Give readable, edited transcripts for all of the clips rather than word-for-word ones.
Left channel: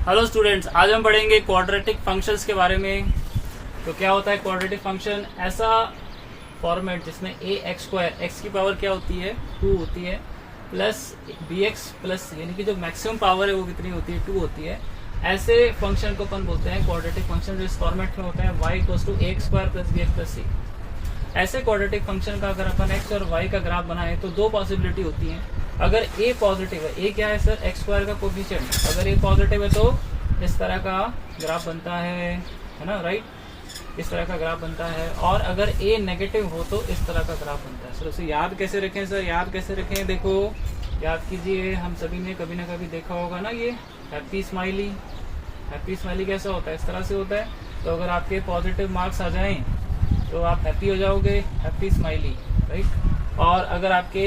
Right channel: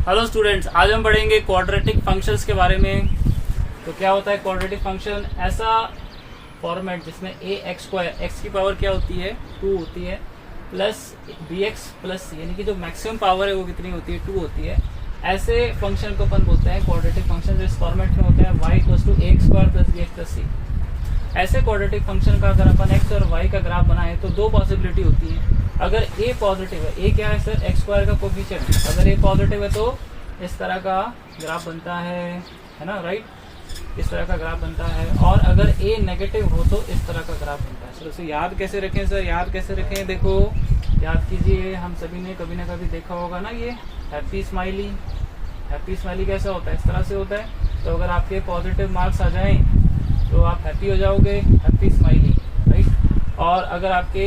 Hello students, आज हम पढ़ेंगे क्वाड्रेटिक फंक्शंस के बारे में। तो क्या होता है क्वाड्रेटिक फंक्शन? ऐसा फॉर्मेट जिसमें ए एक्स स्क्वायर, एक्स की पावर क्या होती है 2 होती है, प्लस बी एक्स प्लस यानी कि जो मैक्सिमम पावर है वो कितनी होती है 2 होती है। ऐसे फंक्शन को अपन बोलते हैं क्वाड्रेटिक फंक्शन, जो इस फॉर्मेट में होता है y equals to A square plus B X plus C. ऐसे क्वाड्रेटिक फंक्शन का अगर अपन एक्स और वाई का ग्राफ बनाए तो दो पॉसिबिलिटी होती है। अगर ए पॉजिटिव है, ए क्या है सर? एक्स स्क्वायर का कोफिशिएंट। अगर ए पॉजिटिव है तो इस तरह का ग्राफ बनता है ना, राइट? इस तरह का ग्राफ बनता है। और अगर ए नेगेटिव हो तो इस तरह का ग्राफ बनता है। सर उसे याद कैसे रखें? सर याद कैसे रखें? देखो याद कीजिए, हम सभी ने कभी ना कभी देखा होगा ना, ये हैप्पी स्माइली। हैप्पी स्माइली कैसा होता है? इस तरह से होता है। तो अगर आपके पॉजिटिव मार्क्स आ जाएं तो आप हैप्पी हो जाओगे, हैप्पी स्माइली, राइट? और अगर आपके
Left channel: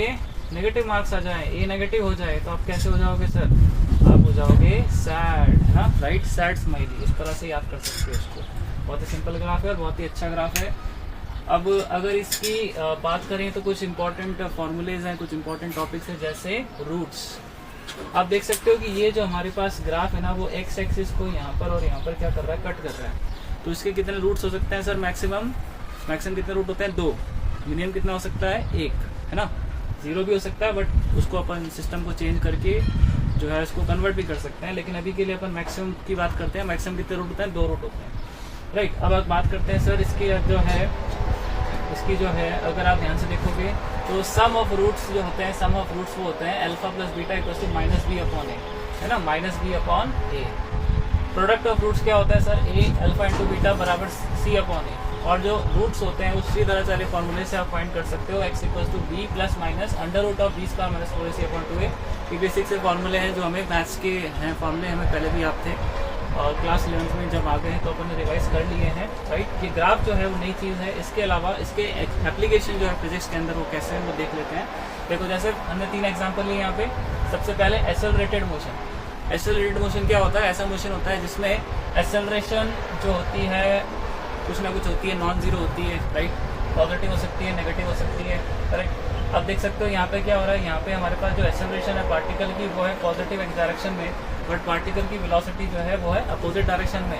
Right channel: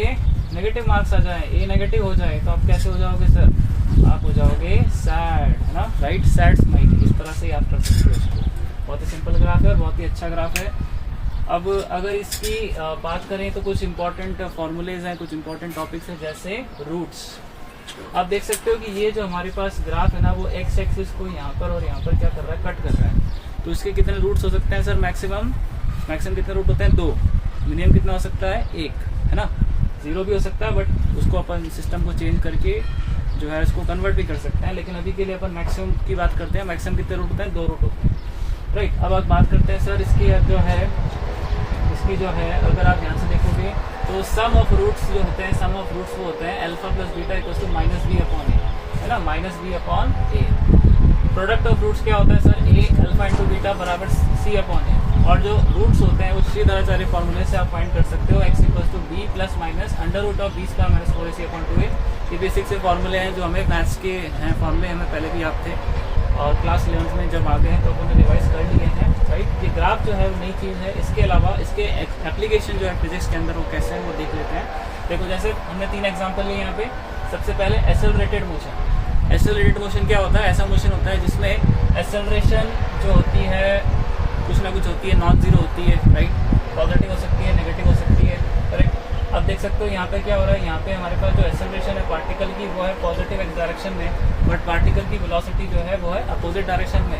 नेगेटिव मार्क्स आ जाए, ए नेगेटिव हो जाए, तो आप कैसे हो जाओगे सर? आप हो जाओगे सैड, है ना, राइट? Sad smiley. इस तरह से याद कर सकते हो इसको। बहुत ही सिंपल ग्राफ है और बहुत ही अच्छा ग्राफ है। अब अगर इसकी बात करें तो कुछ इंपॉर्टेंट फॉर्मूलेज हैं, कुछ इंपॉर्टेंट टॉपिक्स हैं, जैसे रूट्स। आप देख सकते हो कि ये जो हमारे पास ग्राफ है ना, वो एक्स एक्सिस को यहाँ पर और यहाँ पर क्या कर रहा है? कट कर रहा है। तो इसके कितने रूट्स हो सकते हैं सर? मैक्सिमम कितने रूट होते हैं? 2। मिनिमम कितना हो सकता है? 1, है ना? 0 भी हो सकता है, बट उसको अपन सिस्टम को चेंज करके जो है उसको कन्वर्ट भी कर सकते हैं। लेकिन अभी के लिए अपन मैक्सिमम की बात करते हैं। मैक्सिमम कितने रूट होते हैं? 2 रूट होते हैं, राइट? अब आप बात करते हैं सर इसकी जो है अगर आप ध्यान से देखोगे तो सम ऑफ रूट्स जो होते हैं, सम ऑफ रूट्स वो होते हैं alpha plus beta equal to minus B upon A, है ना? Minus B upon A. Product of roots क्या होता है sir? A alpha into beta बराबर सी अपॉन ए। और जो रूट्स होते हैं उसी तरह सारे फॉर्मूले से आप फाइंड कर सकते हो। X equal to b plus minus under root of b square minus 4ac upon 2a। ये बेसिक से फॉर्मूले हैं जो हमें मैथ्स के हैं, फॉर्मूले हमें पहले भी याद थे और क्लास 11 में जब आ गए हैं तो अपन ने रिवाइज कर लिए हैं, राइट? ये ग्राफ जो है वो नई चीज है। इसके अलावा इसके एप्लीकेशन जो है फिजिक्स के अंदर वो कैसे है वो देख लेते हैं। देखो जैसे हमने 3 एग्जाम्पल लिए यहाँ पे। सबसे पहले एक्सेलरेटेड मोशन। एक्सेलरेटेड मोशन क्या होता है? ऐसा मोशन होता है जिसमें एक्सेलरेशन जो होती है कुछ ना कुछ होती है, नॉन जीरो होती है, राइट? पॉजिटिव हो सकती है, नेगेटिव हो सकती है, करेक्ट? अब देख सकते हो यहाँ पे क्या हो रहा है। यहाँ पे हमारे पास जो एक्सेलरेशन है पार्टिकल की वो है पॉजिटिव एक्स डायरेक्शन में, बट पार्टिकल की वेलोसिटी जो है वो है अपोजिट डायरेक्शन में,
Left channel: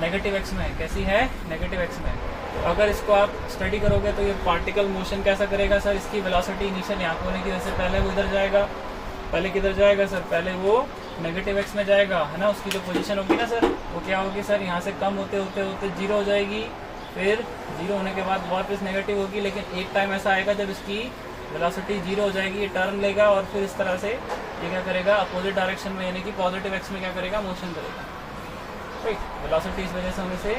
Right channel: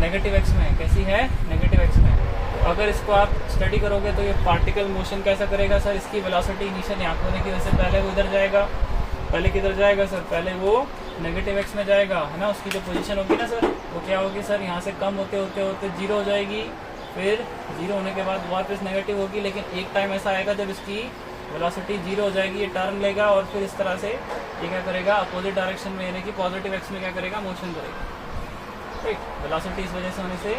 नेगेटिव एक्स में। कैसी है? नेगेटिव एक्स में। तो अगर इसको आप स्टडी करोगे तो ये पार्टिकल मोशन कैसा करेगा सर? इसकी वेलोसिटी इनिशियल यहाँ पे होने की वजह से पहले वो इधर जाएगा। पहले किधर जाएगा सर? पहले वो नेगेटिव एक्स में जाएगा, है ना? उसकी जो पोजीशन होगी ना सर, वो क्या होगी सर? यहाँ से कम होते होते होते 0 हो जाएगी। फिर 0 होने के बाद वापस नेगेटिव होगी। लेकिन एक टाइम ऐसा आएगा जब इसकी वेलोसिटी 0 हो जाएगी, ये टर्न लेगा और फिर इस तरह से ये क्या करेगा? अपोजिट डायरेक्शन में यानी कि पॉजिटिव एक्स में क्या करेगा? मोशन करेगा, राइट? वेलोसिटी इस वजह से होने से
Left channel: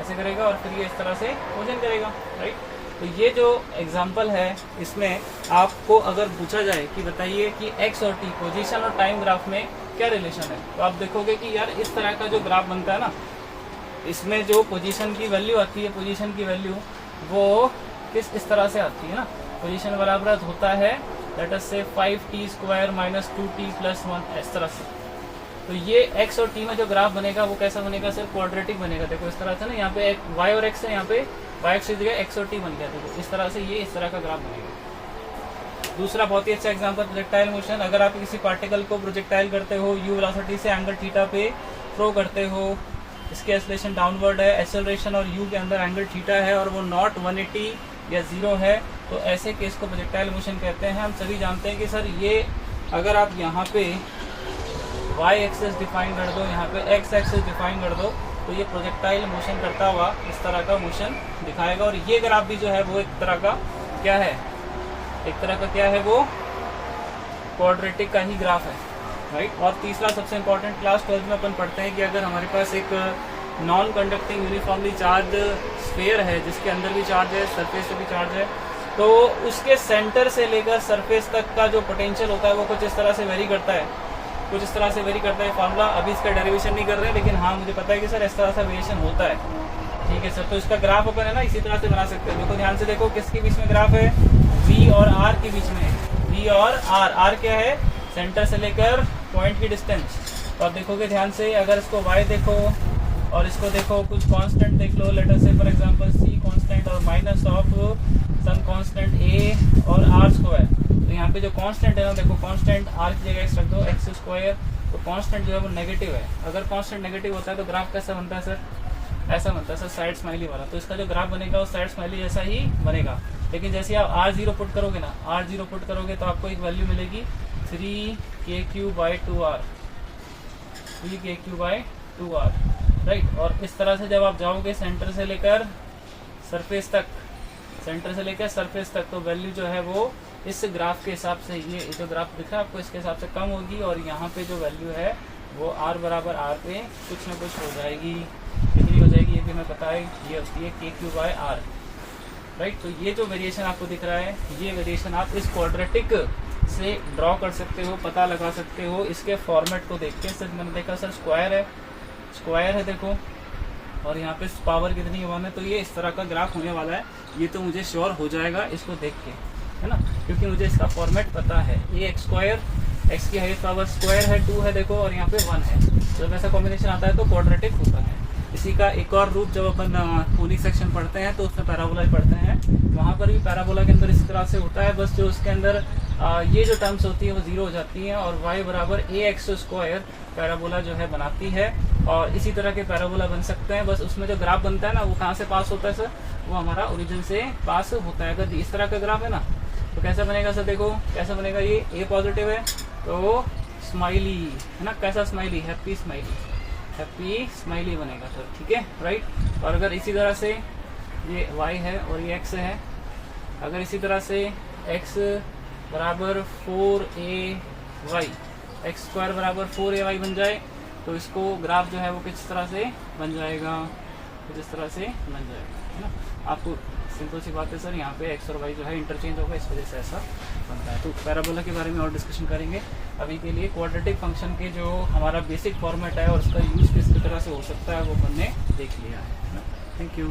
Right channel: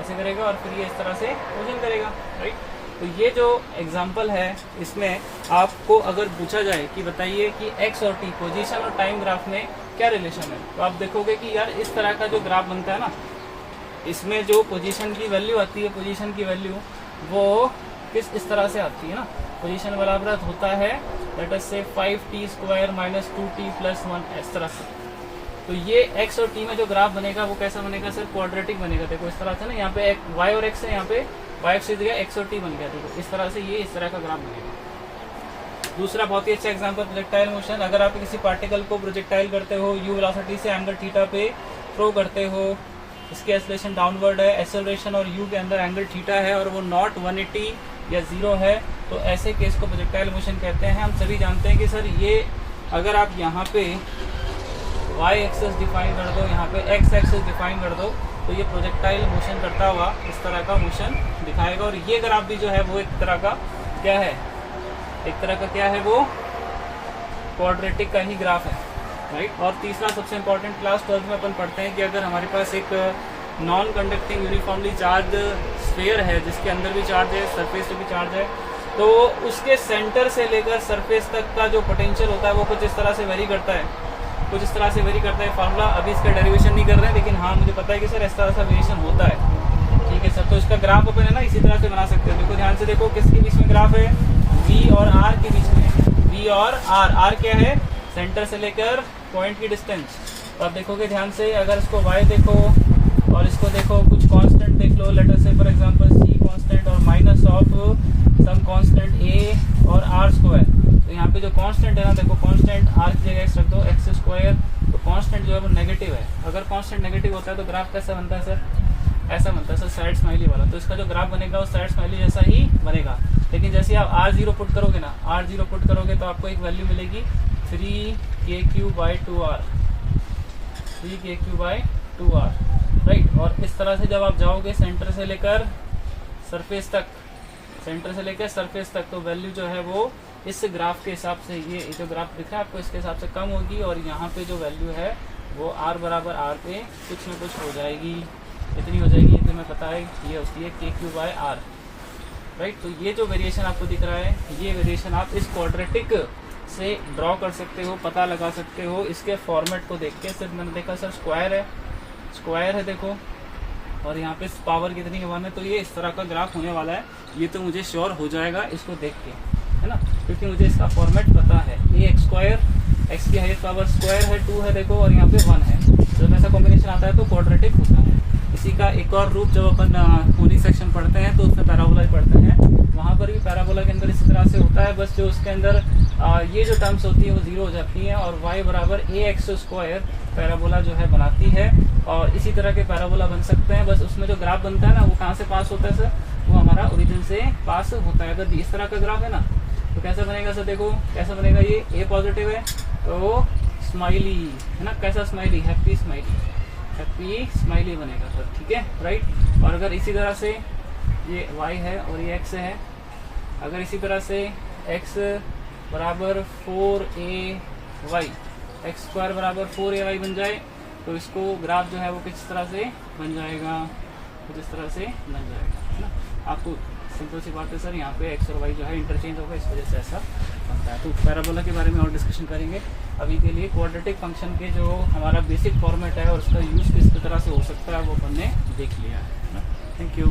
ऐसे करेगा और फिर ये इस तरह से मोशन करेगा, राइट? तो ये जो एग्जाम्पल है इसमें आपको अगर पूछा जाए कि बताइए कि एक्स और टी पोजीशन और टाइम ग्राफ में क्या रिलेशन है, तो आप देखोगे कि यार इस तरह का जो ग्राफ बनता है ना, इसमें जो पोजीशन की वैल्यू आती है, पोजीशन की वैल्यू वो इस तरह से आती है ना। पोजीशन बराबर होता है लेट अस से 5t square minus 2t plus 1, इस तरह से। तो ये एक्स और टी में जो ग्राफ बनेगा वो कैसा बनेगा सर? क्वाड्रेटिक बनेगा। देखो इस तरह से ना, यहाँ पे एक वाई और एक्स है, यहाँ पे वाई एक्स जगह एक्स और टी बन गया। देखो इस तरह से ये इस तरह का ग्राफ बनेगा। दूसरा बहुत ही अच्छा एग्जांपल प्रोजेक्टाइल मोशन। अगर आप किसी पार्टिकल को प्रोजेक्टाइल करते हो, यू वेलोसिटी से एंगल थीटा पे थ्रो करते हो, इसकी एक्सेलरेशन डाउनवर्ड है, एक्सेलरेशन और यू के अंदर एंगल थीटा है और वो नॉट 180 या 0 है, तो ऐसे केस को प्रोजेक्टाइल मोशन कहते हैं। हम सभी जानते हैं कि सर ये अगर आप यहाँ पे y एक्सेस डिफाइन कर दो, यहाँ पे x एक्सेस डिफाइन कर दो, तो ये प्रोजेक्टाइल मोशन करता हुआ इस तरह का मोशन दिखाएगा। और ये ग्राफ भी जो है वो एक तरह का क्या है? एक तरह का क्या है? वो क्वाड्रेटिक का ही ग्राफ है, राइट? और तीसरा सबसे इंपॉर्टेंट, क्लास 12 में अपन पढ़ते हैं कि अगर हमारे पास एक non conducting uniformly charge sphere है जिसके अंदर भी चार्ज है, सरफेस से भी चार्ज है, तो उसके सेंटर से लेकर सरफेस तक का जो पोटेंशियल होता है वो कुछ इस तरह से वेरी करता है, कुछ इस तरह से वेरी करता है। फॉर्मूला अभी इसका डेरिवेशन नहीं कर रहे हैं, लेकिन हाँ मुझे पता है कि सर इस तरह से वेरिएशन होता है, ठीक है सर? तो इसका ग्राफ अपन है ना इसी तरह से बना सकते हैं। देखो ध्यान से देखो, किसके बीच में ग्राफ है? V और R के बीच में। V और R क्या है? सेंटर से लेकर पॉइंट की डिस्टेंस। तो आप देखोगे ध्यान से, अगर इसको y देखो और इसको देखो, कुछ कांस्टेंट देख लो, let us say for example c constant और minus of some constant a और r स्क्वायर। तो यहाँ पे जो कांस्टेंट है ना, देखो कांस्टेंट r की जगह x रख दो, एक्स स्क्वायर, तो कांस्टेंट जो है वो नेगेटिव है। अगर कांस्टेंट नेगेटिव होता है तो ग्राफ कैसा बनता है सर? ऐसा बनता है सर, साइड स्माइली वाला। तो इसका जो ग्राफ बनेगा वो साइड स्माइली जैसा ही बनेगा। लेकिन जैसे आप R0 पुट करोगे ना, R0 पुट करोगे तो आपको एक वैल्यू मिलेगी 3KQ/2R, 3KQ/2R, राइट। और इस तरह से जब आप जाओगे सेंटर से लेकर सरफेस तक, सेंटर से लेकर सरफेस तक, तो वैल्यू जो है वो इस ग्राफ के हिसाब से, ये जो ग्राफ दिखा है आपको, इसके हिसाब से कम होगी। और यहाँ पे जो वैल्यू है वो R बराबर R पे कुछ ना कुछ हो जाएगी। कितनी हो जाएगी ये हमें पता है, ये होती है KQ/R, राइट। तो ये जो वेरिएशन आपको दिख रहा है, ये वेरिएशन आप इस क्वाड्रेटिक से ड्रॉ कर सकते हो, पता लगा सकते हो इसके फॉर्मेट को देख के। सिर्फ मैंने देखा सर स्क्वायर है, स्क्वायर है देखो, और यहाँ पे पावर कितनी है 1 है, तो ये इस तरह का ग्राफ होने वाला है। ये तो मुझे श्योर हो जाएगा इसको देख के, है ना, क्योंकि मुझे इसका फॉर्मेट पता है। AX², x की हाईएस्ट पावर स्क्वायर है, 2 है देखो, और यहाँ पे 1 है। जब ऐसा कॉम्बिनेशन आता है तो क्वाड्रेटिक होता है। इसी का एक और रूप जब अपन कोनिक सेक्शन पढ़ते हैं तो उसमें पैराबोला पढ़ते हैं, वहां पर भी पैराबोला के अंदर इस तरह से होता है। बस जो उसके अंदर ये जो टर्म्स होती है वो 0 हो जाती है, और y बराबर AX² पैराबोला जो है बनाती है। और इसी तरह के पैराबोला बन सकते हैं। बस उसमें जो ग्राफ बनता है ना, वो कहाँ से पास होता है सर? वो हमारा ओरिजिन से पास होता है। अगर इस तरह का ग्राफ है ना, तो कैसा बनेगा सर? देखो कैसा बनेगा, ये A पॉजिटिव है तो स्माइली, है ना, कैसा smiley? Happy smiley, happy smiley बनेगा सर, ठीक है, राइट। और अगर इसी तरह से ये y है और ये x है, अगर इसी तरह से x बराबर 4ay, x² बराबर 4ay बन जाए, तो इसको ग्राफ जो है वो किस तरह से बन जाएगा? कुछ इस तरह से बन जाएगा, है ना। आपको सिंपल सी बात है सर, यहाँ पे x और y जो है इंटरचेंज होगा, इस वजह से ऐसा बनता है। तो पैराबोला के बारे में और डिस्कशन करेंगे। अभी के लिए क्वाड्रेटिक फंक्शन के जो हमारा बेसिक फॉर्मेट है और उसका यूज किस तरह से हो सकता है वो हमने देख लिया है ना। Thank you.